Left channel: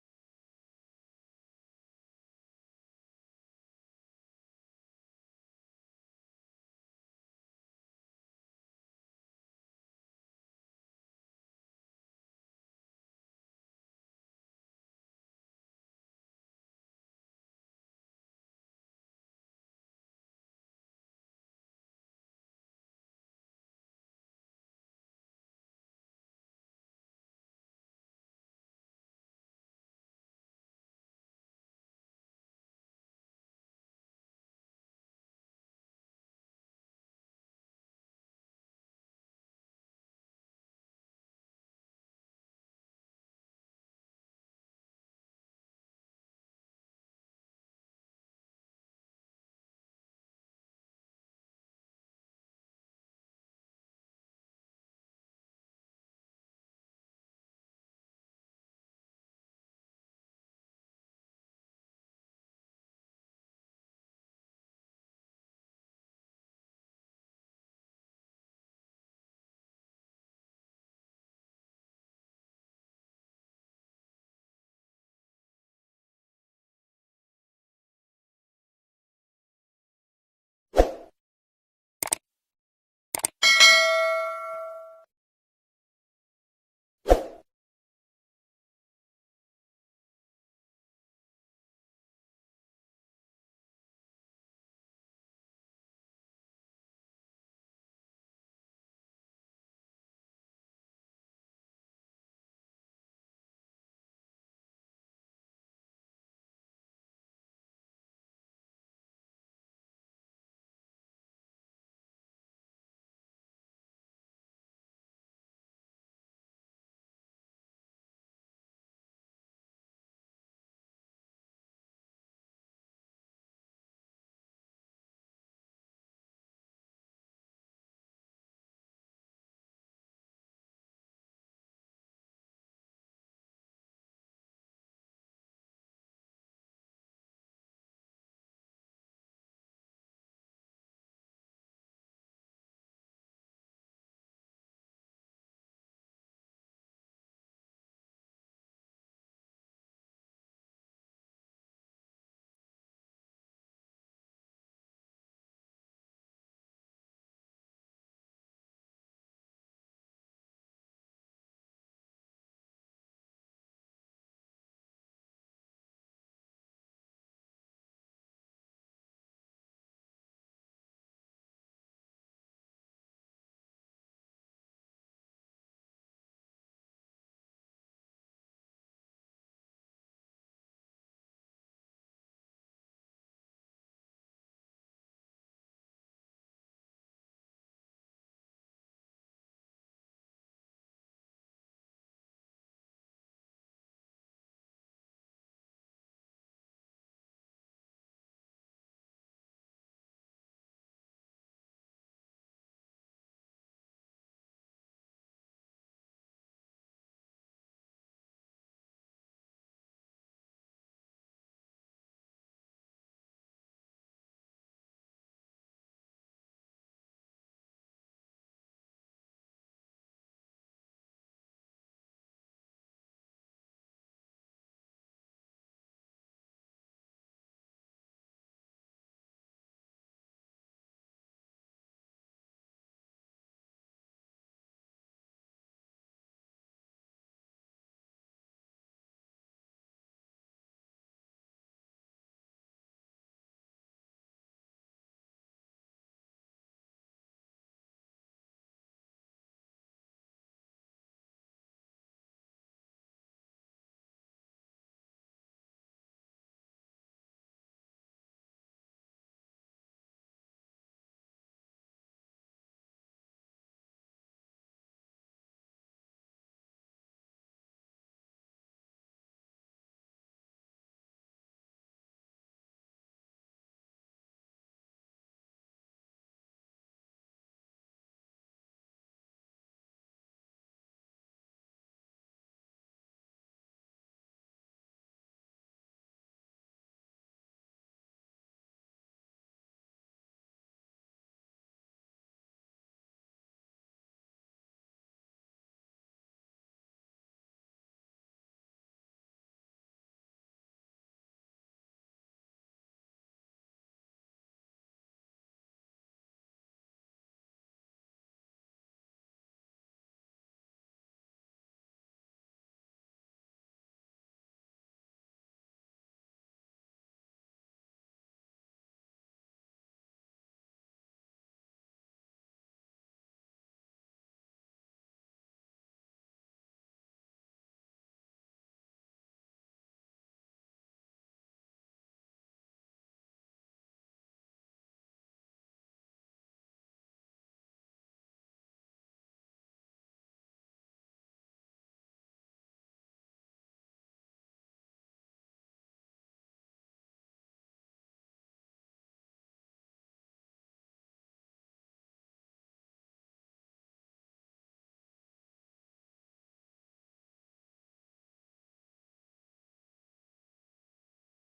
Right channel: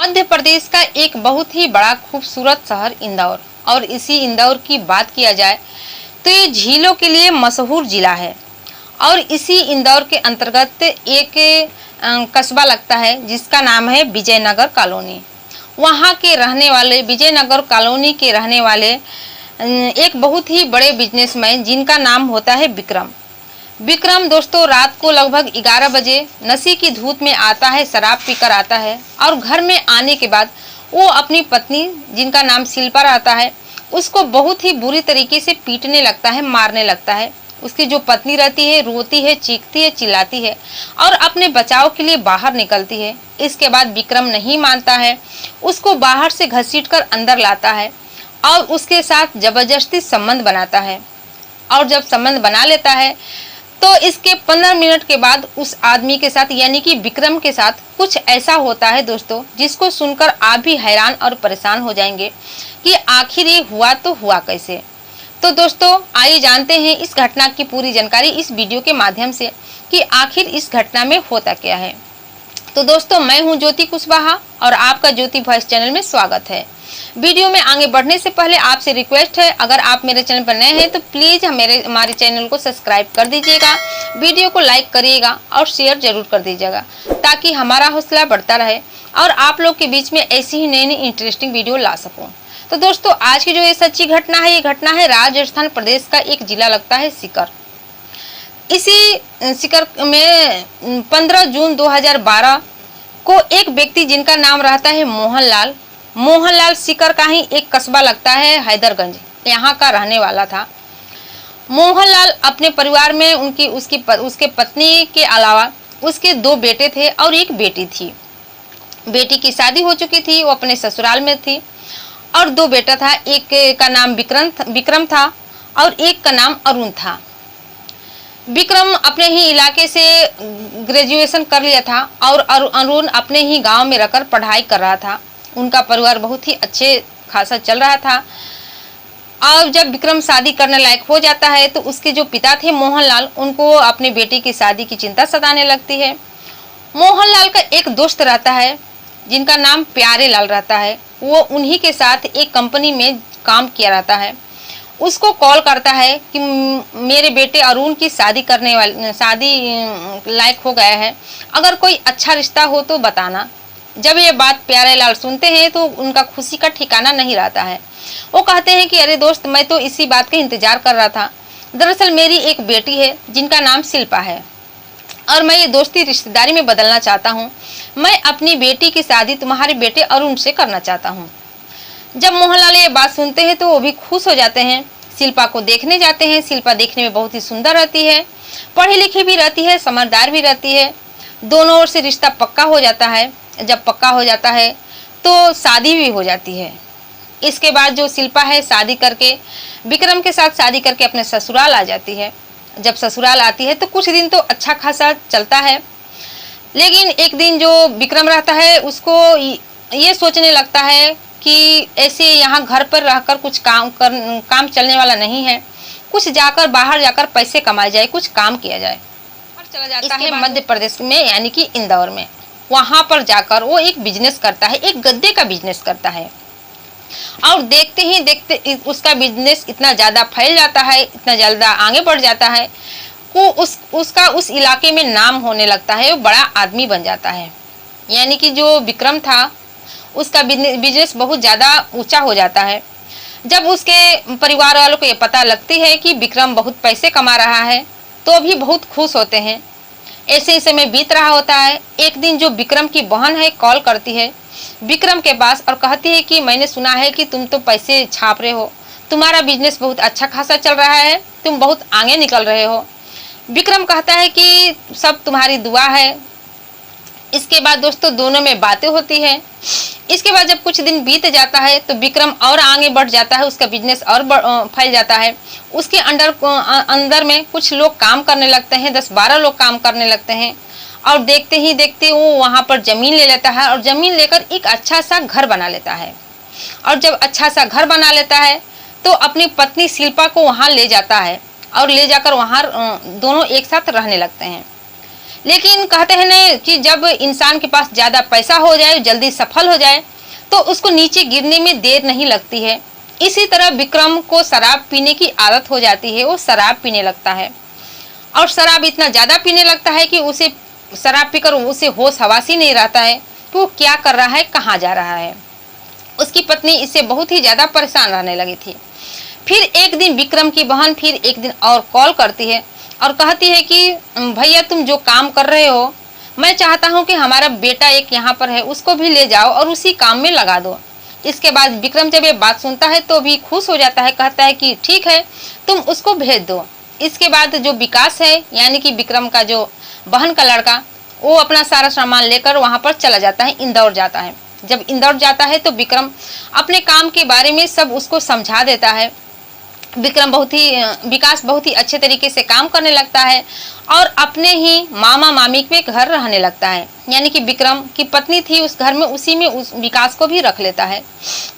मध्य प्रदेश का एक बहुत ही बड़ा खूबसूरत शहर इंदौर, और इसी इंदौर की बात किया जाए तो ये झीलों के लिए मशहूर जिला है। और इसी इंदौर के अंतर्गत एक कस्बा लगता है जिसका नाम है विजयनगर कॉलोनी। वहाँ के रहने वाले, विजयनगर कॉलोनी के रहने वाले एक बहुत ही बड़े बिजनेसमैन जिनका नाम होता है विक्रम। विक्रम दोस्तों रात को लगभग 11 बजे नशे की धूत में आता है, शराब पीकर आता है, और घर में आने के बाद वो अपनी पत्नी जिनका नाम शिल्पा रहता है उसको बहुत ही बुरी तरीके से पीटने लगता है, मारने लगता है। उसकी जो पत्नी रहती है रोती है, चीखती है, चिल्लाती है और अपने बचाव के लिए बाहर निकलती है। इसके बाद विक्रम नहीं मानता है, उसको बाहर से घसीटकर अंदर लाता है और उसके साथ जबरदस्ती संबंध बनाता है। और जब संबंध बना लेता है तो इसके 15 मिनट के बाद उस आदमी के साथ यानी कि विक्रम के साथ कुछ ऐसा होता है दोस्तों जिसको सुनकर आप भी हैरान और परेशान हो जाएंगे कि आखिर ये हुआ तो हुआ कैसे। तो दोस्तों आइए जानते हैं इस घटना की पूरी जानकारी इस वीडियो के माध्यम से कि आखिर इस घटना में होता क्या है। तो दोस्तों मैं हूं ज्योति कुशवाहा और आपका ज्योति वॉइस चैनल में स्वागत है। वीडियो में आगे बढ़ने से पहले आपसे रिक्वेस्ट है, अगर आप मेरे चैनल पर नए हैं तो प्लीज हमारे चैनल को सब्सक्राइब कर दीजिएगा, वीडियो को लाइक करिएगा और शेयर जरूर कर दीजिएगा ताकि हमारा हौसला बढ़ता रहे और आप लोग के बीच में ऐसी ही नई नई इंटरेस्टिंग वीडियो ला सकूं। तो दोस्तों आज की जो ये सच्ची घटना है, ये घटना है राजस्थान प्रदेश का एक जिला लगता है सीकर। इसी सीकर में 15 जून 2012 को एक व्यक्ति जिनका नाम रहता है मोहनलाल सीकर का ही एक कस्बा लगता है हैदरगंज, यहाँ का रहने वाला था। मोहनलाल अपने परिवार में उसके पत्नी के अलावा उसके 2 बेटे थे और एक बेटी थी। बेटी की शादी हो चुकी थी, वो अपने ससुराल में थी, और 2 बेटा था, एक का नाम विक्रम था और एक का नाम अरुण था। विक्रम अपने ही इलाके से ग्रेजुएशन कर लिया था और अरुण अपने ही गांव में रहकर पढ़ाई कर रहा था। उनका परिवार बहुत ही अच्छे खासा चल रहा था। और जब विक्रम शादी करने लायक हो जाता है तो उसके जो पिता थे मोहनलाल, उनको अपनी बेटी की शादी की चिंता सताने लगती है। मोहनलाल का एक दोस्त रहता है जिनका नाम प्यारे लाल रहता है, वो उन्हीं के साथ एक कंपनी में काम किया रहता है। उसको कॉल करता है कि मेरे बेटे अरुण की शादी लायक हो गया है, अगर कोई अच्छा रिश्ता हो तो बताना। जब ये बात प्यारे लाल सुनते हैं तो उनका खुशी का ठिकाना नहीं रहता है। वो कहते हैं कि अरे दोस्त, मैं तो इसी बात का इंतजार कर रहा था। दरअसल मेरी एक बेटी है जिनका नाम शिल्पा है और मैं ये दोस्ती रिश्तेदारी में बदलना चाहता हूँ। मैं अपनी बेटी की शादी तुम्हारे बेटे अरुण से करना चाहता हूँ। जब मोहनलाल ये बात सुनते हैं तो वो भी खुश हो जाते हैं। शिल्पा को देखने जाते हैं। शिल्पा देखने में बहुत ही सुंदर रहती है, पढ़ी लिखी भी रहती है, समझदार भी रहती है। दोनों ओर से रिश्ता पक्का हो जाता है। जब पक्का हो जाता है तो शादी भी हो जाती है। इसके बाद जो शिल्पा है शादी करके विक्रम के साथ शादी करके अपने ससुराल आ जाती है। जब ससुराल आती है तो कुछ दिन तो अच्छा खासा चलता है, लेकिन एक दिन जो विक्रम रहता है उसको ये सोचने लगता है कि ऐसे यहाँ घर पर रहकर कुछ काम चलने वाला नहीं है, कुछ जाकर बाहर जाकर पैसे कमाए जाए, कुछ काम किया जाए। चला जाता है मध्य प्रदेश में यानी कि इंदौर में। वहां पर जाकर वो एक बिजनेस करता है, एक गद्दे का बिजनेस करता है। और देखते ही देखते उसका बिजनेस इतना ज़्यादा फैल जाता है, इतना ज़्यादा आगे बढ़ जाता है वो उसका उस इलाके में नाम होने लगता है। वो बड़ा आदमी बन जाता है। यानी कि जो विक्रम था उसका बिजनेस बहुत ज़्यादा ऊंचा हो जाता है। जब उसके परिवार वालों को ये पता लगती है कि विक्रम बहुत पैसे कमा रहा है तो भी बहुत खुश होते हैं। ऐसे ही समय बीत रहा होता है। एक दिन जो विक्रम की बहन है कॉल करती है विक्रम के पास और कहती है कि मैंने सुना है कि तुम तो पैसे छाप रहे हो, तुम्हारा बिजनेस बहुत अच्छा खासा चल रहा है, तुम बहुत आगे निकल रहे हो। विक्रम कहता है कि सब तुम्हारी दुआ है। इसके बाद दोस्तों दोनों में बातें होती हैं। इसके बाद जब कुछ दिन बीत जाता है तो विक्रम और आगे बढ़ जाता है, उसका बिजनेस और फैल जाता है। उसके अंदर में कुछ लोग काम करने लगते हैं, 10-12 लोग काम करने लगते हैं। और देखते ही देखते वो वहाँ पर ज़मीन ले लेता है और ज़मीन लेकर एक अच्छा सा घर बना लेता है। और जब अच्छा सा घर बना लेता है तो अपनी पत्नी शिल्पा को वहाँ ले जाता है और ले जाकर वहाँ दोनों एक साथ रहने लगते हैं। लेकिन कहते हैं ना कि जब इंसान के पास ज़्यादा पैसा हो जाए, जल्दी सफल हो जाए, तो उसको नीचे गिरने में देर नहीं लगती है। इसी तरह विक्रम को शराब पीने की आदत हो जाती है। वो शराब पीने लगता है और शराब इतना ज़्यादा पीने लगता है कि उसे शराब पीकर उसे होश हवास ही नहीं रहता है कि वो क्या कर रहा है, कहाँ जा रहा है। उसकी पत्नी इससे बहुत ही ज़्यादा परेशान रहने लगी थी। फिर एक दिन विक्रम की बहन फिर एक दिन और कॉल करती है और कहती है कि भैया तुम जो काम कर रहे हो, मैं चाहता हूँ कि हमारा बेटा एक यहाँ पर है, उसको भी ले जाओ और उसी काम में लगा दो। इसके बाद विक्रम जब ये बात सुनता है तो भी खुश हो जाता है, कहता है कि ठीक है तुम उसको भेज दो। इसके बाद जो विकास है यानी कि विक्रम का जो बहन का लड़का, वो अपना सारा सामान लेकर वहाँ पर चला जाता है, इंदौर जाता है। जब इंदौर जाता है तो विक्रम अपने काम के बारे में सब उसको समझा देता है। विकास बहुत ही अच्छे तरीके से काम करने लगता है और अपने ही मामा मामी के घर रहने लगता है, यानी कि विक्रम की पत्नी थी उस घर में, उसी में उस विकास को भी रख लेता है।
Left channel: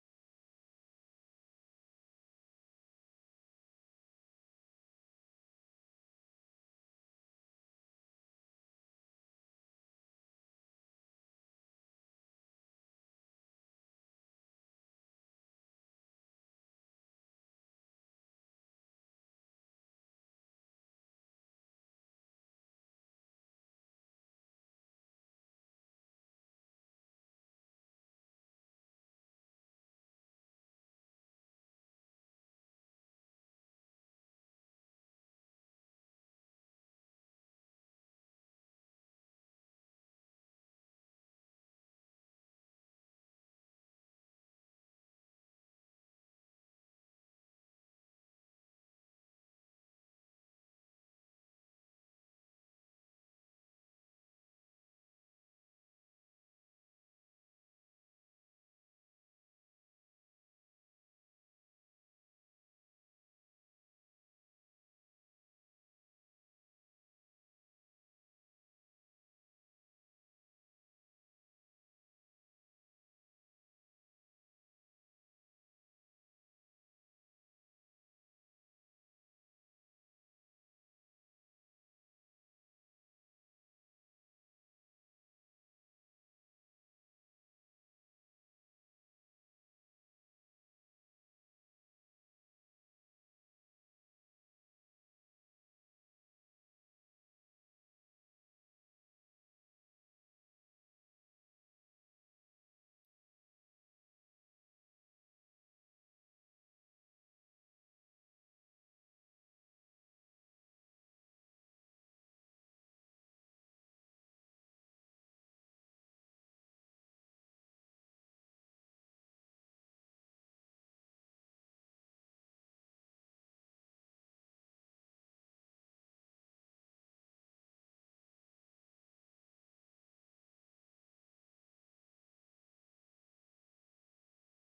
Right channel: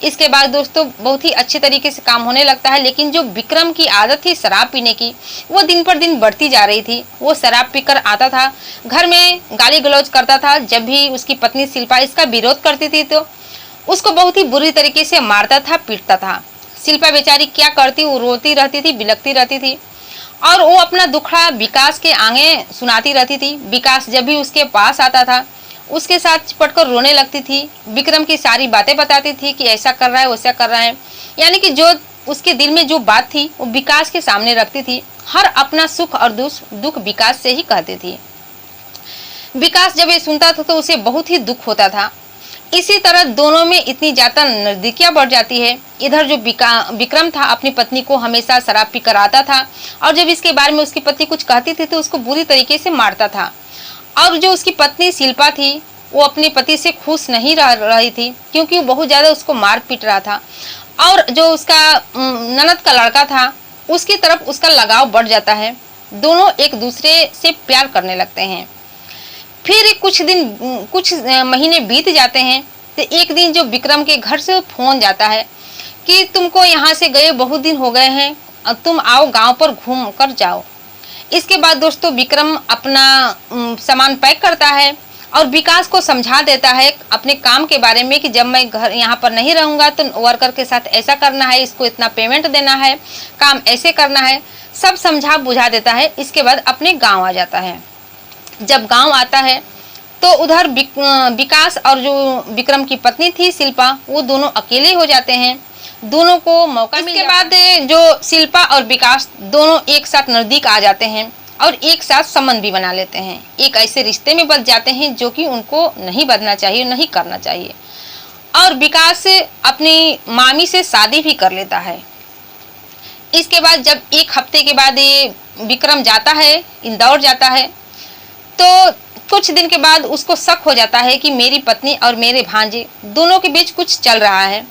इसके बाद दोस्तों बहुत ही अच्छे तरीके से काम होने लगता है। लेकिन जो विक्रम की आदत थी शराब पीने की, वो दिन पर दिन बढ़ती जा रही थी। वो शराब पीकर आता था, घर में गाली गलौज करता था। जब भी उसकी पत्नी शिल्पा इसका विरोध करती थी तो उसको बहुत ही बुरी तरीके से मारता था, पीटता था। शिल्पा बेचारी क्या करती, वो रोती रहती थी, बिलखती रहती थी और वो अपना दुखड़ा विकास के आगे सुनाती रहती थी। विकास जब भी उसके पास आता था उसके साथ चिपट कर रोने लगती थी। विक्रम की सारी बातें बताती थी कि ऐसा कर रहा है, वैसा कर रहा है, यानी कि जो उसके दिल में जो बात थी वो विकास के सामने रखती थी। हर अपना सुख और दुख विकास से ही कहती थी। विकास जब ये सुनता था तो उसे बहुत ही दुख होता था। इसी तरह दोनों में इतनी ज्यादा नजदीकियां बढ़ जाती है। इधर जो विक्रम था अपनी पत्नी को हमेशा शराब पीकर आता था और जब इसके बारे में उसकी पत्नी कुछ कहती थी तो उसको बुरी तरीके से मारता था। और जो उसकी पत्नी शिल्पा थी वो अपने पति से खुश नहीं रह रही थी क्योंकि वो बहुत ज्यादा उसको मार पीट रहा था। और जो उसका ननद का लड़का था उसकी तरफ उसका लगाव बढ़ जाता है। दोनों एक दूसरे से प्यार करने लगते हैं। फिर कुछ महीने बीत जाते हैं तो एक दिन जो विक्रम के घर से फोन जाता है कि तुमको यहाँ से गए बहुत दिन हो गए हैं, तुम आओ गांव पर घूम कर जाओ। इसके बाद दोस्तों विक्रम अपना सामान पैक करता है और विकास को समझा देता है अपने काम के बारे में कि जब मैं घर यहाँ पर नहीं रहूँगा तो वर्कर के साथ ऐसा करना है, इसको इतना पेमेंट देना है, काम ऐसे करना है, सब समझा बुझा देता है। इसके बाद अपने गाँव आ जाता है। जब गांव आता है तो उधर विकास और जो विक्रम की पत्नी थी शिल्पा, वो दोनों अकेले हो जाते हैं। दोनों को मौका मिल जाता है। इसके बाद जो शिल्पा और विकास दोनों एक साथ नजदीक आ जाते हैं और एक साथ संबंध भी बना लेते हैं। एक ऐसे रिश्ते में बच जाते हैं जो कि उनको नहीं बदलना चाहिए, नहीं करना चाहिए। और विकास अपनी मामी से शादी भी कर लेता है। इसके बाद जब एक हफ्ते के बाद ये विक्रम जाता है, इंदौर जाता है, तो कुछ दिन के बाद उसको शक हो जाता है कि मेरी पत्नी और मेरे भांजे दोनों के बीच कुछ चल रहा है।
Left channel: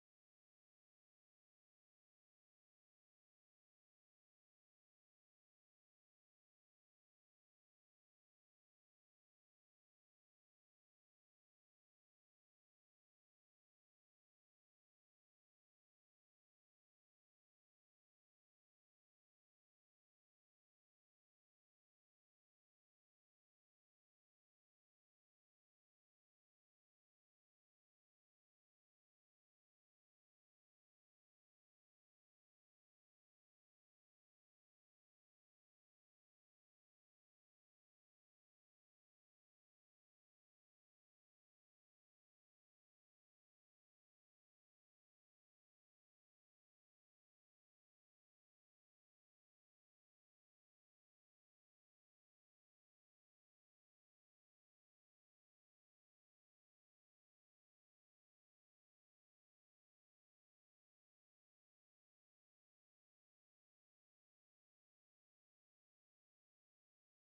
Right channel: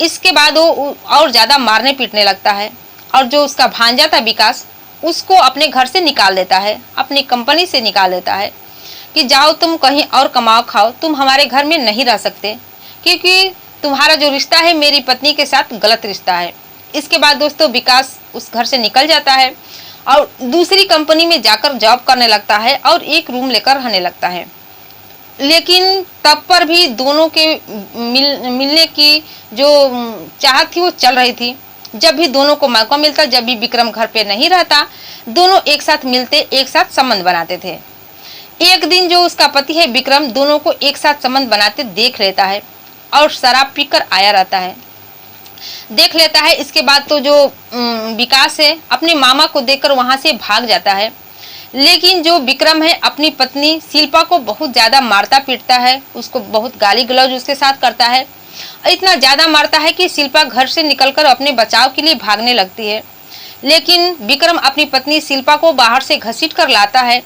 इसके बाद वो और ज़्यादा मारने पीटने लगता है और जो उसका भांजा था विकास, उसको अपने घर से निकाल देता है, अपनी कंपनी से निकाल देता है कि जाओ तुम कहीं और कमाओ खाओ, तुम हमारे घर में नहीं रह सकते क्योंकि तुम्हारा जो रिश्ता है मेरी पत्नी के साथ गलत रिश्ता है। इसके बाद दोस्तों विकास उस घर से निकल जाता है और दूसरी कंपनी में जाकर जॉब करने लगता है और एक रूम लेकर रहने लगता है। लेकिन तब पर भी दोनों के मिलने की जो चाहत थी वो चल रही थी। जब भी दोनों को मौका मिलता, जब भी विक्रम घर पे नहीं रहता, दोनों एक साथ मिलते, एक साथ संबंध बनाते थे। एक दिन जो उसका पति है विक्रम दोनों को एक साथ संबंध बनाते देख लेता है और शराब पीकर आया रहता है, देख लेता है। इसके बाद तो जो विकास है अपने मामा को देखकर वहां से भाग जाता है। लेकिन जो विक्रम है अपनी पत्नी शिल्पा को बहुत ज़्यादा मारता पीटता है, उसको बहुत गाली गलौज उसके साथ करता है। इतना ज़्यादा मारता है कि शिल्पा घर से निकलकर अपने बचाव के लिए भागने लगती है। लेकिन विक्रम अपनी पत्नी शिल्पा को बाहर से घसीट कर लाता है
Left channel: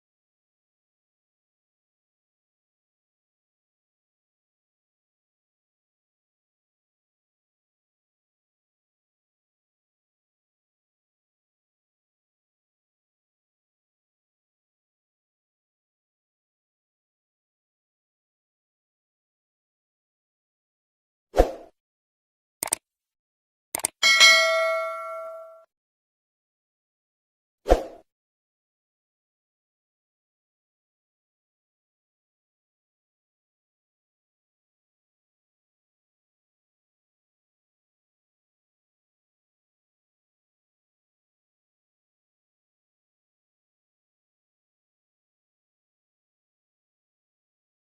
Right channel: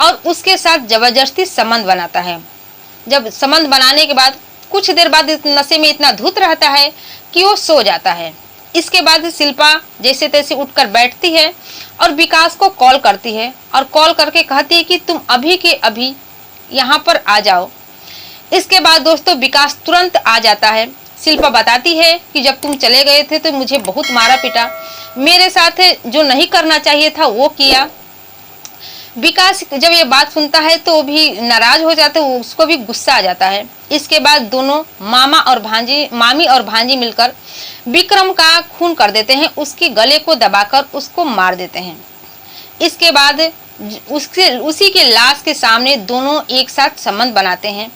और उसके साथ जबरदस्ती संबंध बनाता है। जब संबंध बनाने के बाद कुछ देर बाद नशे में इतना धुत रहता है कि वो सो जाता है। इसके बाद शिल्पा जैसे तैसे उठकर बैठती है और विकास को कॉल करती है और कॉल करके कहती है कि तुम अभी के अभी यहाँ पर आ जाओ। इसके बाद दोस्तों विकास तुरंत आ जाता है। शिल्पा बताती है कि जब तुम चले गए थे तो मुझे बहुत मारा पीटा, मेरे साथ जो नहीं करना चाहिए था वो किया। विकास जब ये बात सुनता है तो भी नाराज हो जाता है, उसको भी गुस्सा आ जाता है। इसके बाद दोनों मामी और भांजी मिलकर विक्रम का खून कर देते हैं, उसके गले को दबाकर उसको मार देते हैं। इसके बाद उसी के लाश के सामने दोनों एक साथ संबंध बनाते हैं।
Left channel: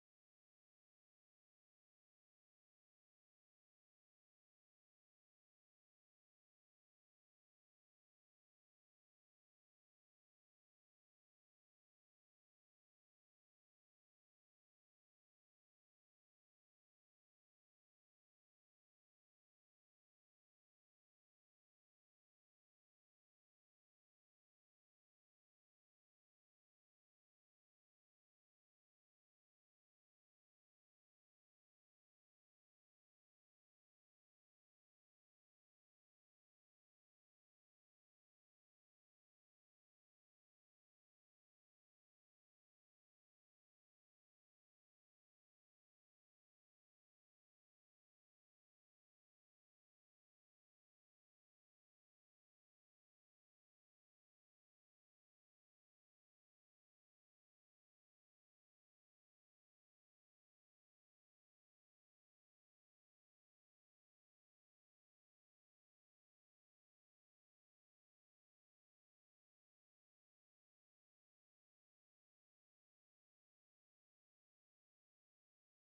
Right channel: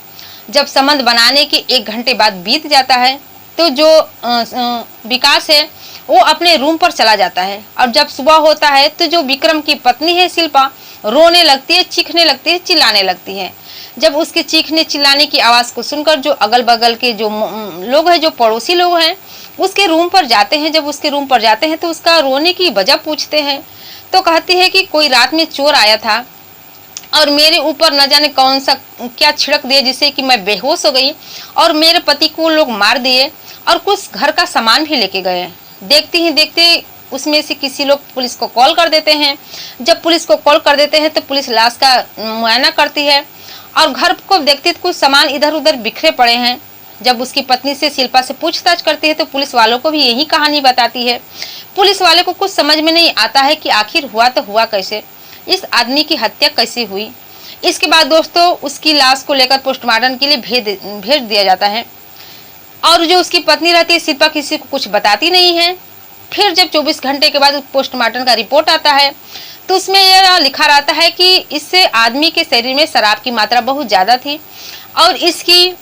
जब संबंध बनाने के 1 घंटे बाद बीत जाता है तो जो विकास है वो अपने रूम पर चला जाता है, और जब सुबह होता है तो जो विक्रम की पत्नी है शिल्पा रोने लगती है, चीखने लगती है, चिल्लाने लगती है। जब उसके चीखने चिल्लाने की आवाज को सुनकर जो अगल बगल के जो लोग हैं, जो पड़ोसी लोग हैं, उसके रूम पर जाते हैं। जब उसके रूम पर जाते हैं तो उसका रोने की वजह पूछते हैं, तो कहती है कि कोई रात में चोर आया था और मेरे ऊपर न जाने कौन सा क्या छिड़क दिया जिससे कि मैं बेहोश हो गई, और मेरे पति को लोग मार दिए और कुछ घर का सामान भी लेके गए। देखते ही देखते उसमें से किसी लोग पुलिस को कॉल कर देते हैं। जब पुलिस को कॉल कर देते हैं तो पुलिस लाश का मुआयना करती है और घर को देखती तो कुछ सामान इधर उधर बिखरे पड़े हैं। जब उसकी पत्नी से शिल्पा से पूछताछ करती है तो पुलिस वालों को भी यही कहानी बताती है। पुलिस वाले को कुछ समझ में नहीं आता है कि आखिर हुआ तो हुआ कैसे, इस आदमी की हत्या कैसे हुई। इसके बाद दोस्तों उसकी लाश को लेकर पोस्टमार्टम के लिए भेज दिया जाता है, और जो उसकी पत्नी रहती है शिल्पा किसी को कुछ बताती नहीं है। फिर जब 24 घंटे के बाद पोस्टमार्टम का रिपोर्ट आता है तो उसमें यह लिखा रहता है कि इससे आदमी के शरीर में शराब की मात्रा बहुत ज़्यादा थी और इसकी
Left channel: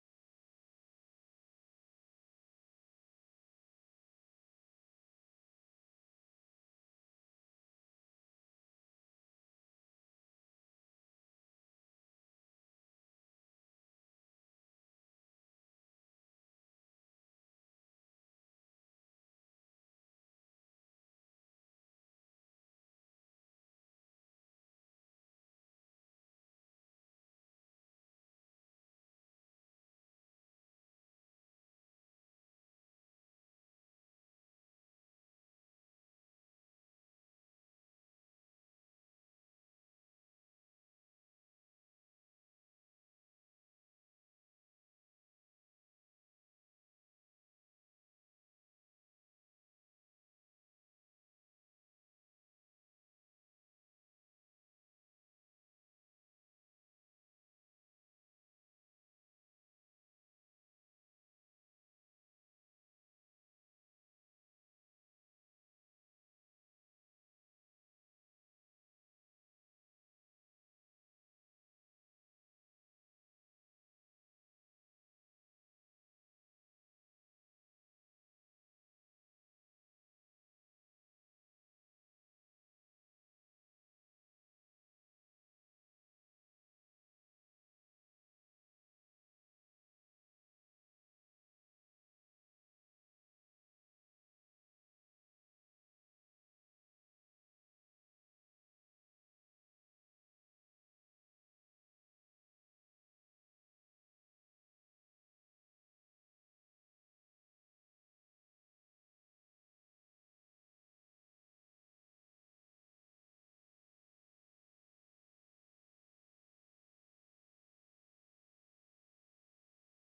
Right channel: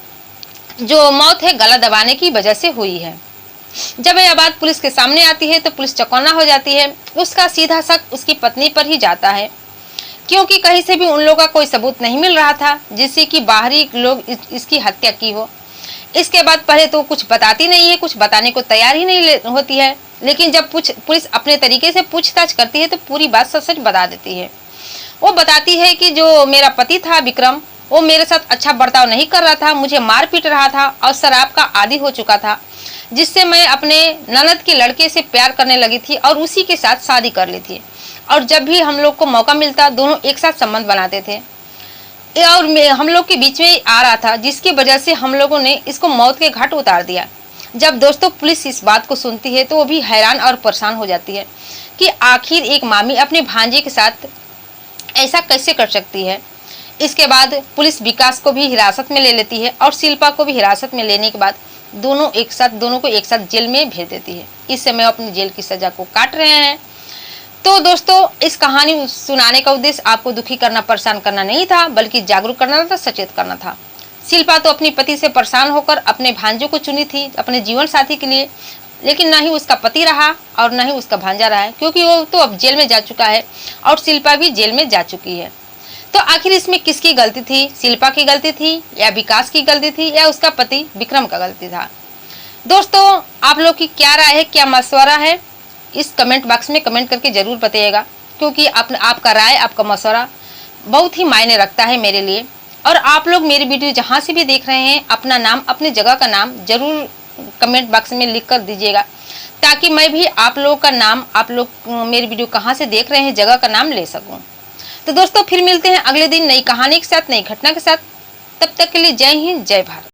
जो मौत है गला दबाने की वजह से हुई है। जब यह बात पुलिस के सामने आती है तो पुलिस चौकन्ना हो जाती है। उसका सीधा शक उसकी पत्नी पर ही जाता है, क्योंकि कहीं से भी उन लोगों का कोई सबूत नहीं मिल रहा था जिससे कि बाहरी लोग इसकी हत्या की हो। इसके बाद पहले तो कुछ बताती नहीं है, कुछ बताने को तैयार ही नहीं होती है, लेकिन जब पुलिस अपने तरीके से पूछताछ करती है तो पूरी बात सच बता देती है। वो बताती है कि जो मेरा पति था विक्रम, वो मेरे साथ अच्छा बर्ताव नहीं कर रहा था, मुझे मार पीट रहा था और शराब का आदी हो चुका था, जिससे मैं अपने ननद के लड़के से प्यार करने लगी थी और उसी के साथ शादी कर ली थी। और जब भी हम लोग को मौका मिलता दोनों एक साथ संबंध बनाते थे, और हम लोग के बीच में आ रहा था, जिसकी वजह से हम लोगों ने इसको मौत के घाट उतार दिया। जब दोस्तों पुलिस इस बात को सुनती है तो वो भी हैरान और परेशान हो जाती है कि आखिर एक मामी अपने भांजे के साथ ऐसा कैसे कर सकती है। इसके बाद पुलिस विकास को भी हिरासत में ले लेती है और शिल्पा को भी हिरासत में लेने के बाद दोनों को एक साथ जेल में भेज देती है। इस समय अपनी जेल की सजा को काट रहे हैं। तो दोस्तों इस कहानी सुनाने का उद्देश्य आपको दुखी करना, परेशान करना नहीं था, बल्कि जागरूक करना था, सचेत करना था। शिल्पा तो अपने पति से परेशान होकर अपने भांजों को चुनी थी अपने जीवन साथी के लिए, लेकिन ना ही उसका पति रहा और ना ही उसका भांजा रहा है, क्योंकि वो तो अब जेल में जा चुका है और शिल्पा भी जेल में जा चुकी है। तो आखिर इसमें किसकी गलती थी? शिल्पा की गलती थी या विकास की गलती थी या उसका पति विक्रम का गलती था? दोस्तों आप लोग की क्या राय है, क्या मशवरा है? इस कमेंट बॉक्स में कमेंट करके जरूर बताइएगा, क्योंकि आपका राय, आपका मशवरा बहुत ही मायने रखता है मेरे लिए। और आप लोग मेरी वीडियो जहाँ से भी देख रहे हैं अपना नाम, अपने जगह का नाम जरूर कमेंट बॉक्स में लिख कर दीजिएगा, ताकि मैं भी आप लोगों का नाम, आप लोग मेरी वीडियो कहाँ से देख रहे हैं, जगह का नाम ले सकूं। तो दोस्तों फिर मिलते हैं अगले दिन नई कहानी के साथ, नई घटना के साथ। तब तक के लिए जय हिंद, जय भारत।